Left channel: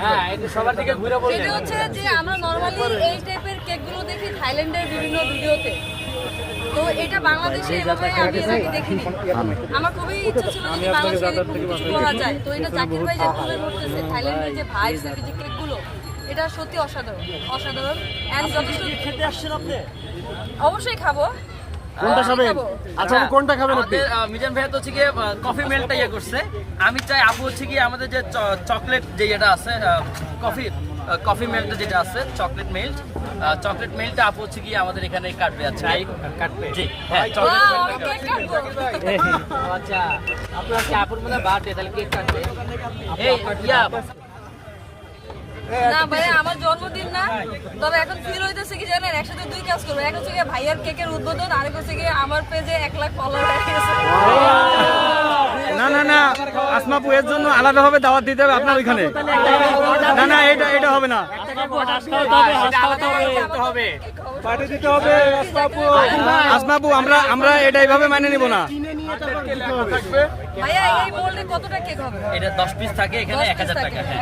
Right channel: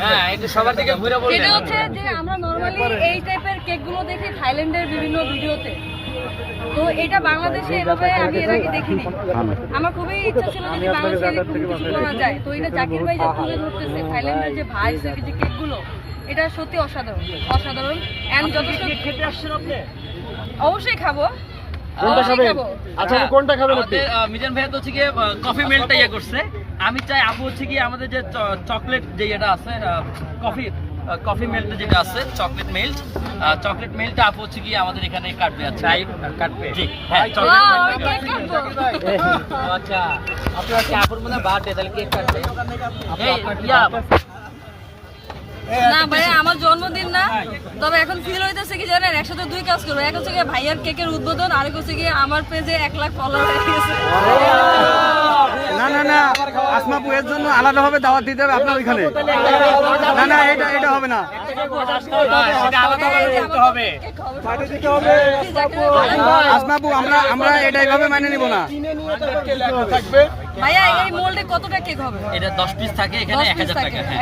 হ্যাঁ, একটু সবার দিকে ঘুরে বলবেন। এটা হচ্ছে যে আমরা নরমালি এই টাইপের কেকগুলো দেখি থাইল্যান্ডের বিভিন্ন ভিডিওতে, তো এটা বাংলাদেশে এভাবে আমি এর আগে দেখিনি। আমার খুবই ইচ্ছা ছিল যদি বাংলাদেশে এরকম কিছু করা যায়। তো এটা জাকির ভাই যে তুলে ধরতেছে থাইল্যান্ডের যে ভাইবস এর যে কেকগুলো, এটা সত্যি অসাধারণ অসাধারণ। এন্ড যথেষ্ট খেতে আসছেন আপনি? অবশ্যই খাবো। কোনটা খাবেন? আচ্ছা আপনি কোনটা খাবেন আপনি? আমাদের মিজান ভাই তো হচ্ছে গিয়ে কফি মেল্টটা ইয়ে করছে। আমি চাই আপু হচ্ছে গিয়ে আমাদের যে চকলেট যে এটা আছে কফি মেল্ট যেটা আছে চকলেট মেল্টটা আপু হচ্ছে গিয়ে আমাদের এখানে কাটবে। আচ্ছা কাটবে জি হ্যাঁ চকলেট Wow, মেল্ট কেক কাটবো। আচ্ছা আপনার কি আপুর মনে বার্থডে তাহলে কেক কাটবে এই ইয়া না ভাই আমার জন্মদিন না, তবে এখন ফিল হইতেছে কি জানেন, একসাথে দুই কাজ করবো। এক হচ্ছে গিয়ে ভাইয়ের কেকের উদ্বোধন, আরেক হচ্ছে গিয়ে আমার পেজে 1 লাখ ফলোয়ার হয়ে গেছে। না না না, আসমা আপু এর জন্য আলাদাভাবে দাওয়াত দিতে হবে আপনার ওইখানে। না না, এটা হবে না। পার্টি দিতে হবে আসমা আপু, আমরা এটা এইভাবে মানে নিব না। ভাইয়া এই মোল্ডে কতটা কেক হবে? এটা 10 পিস থাকে এখানে 1000 টাকা। হ্যাঁ।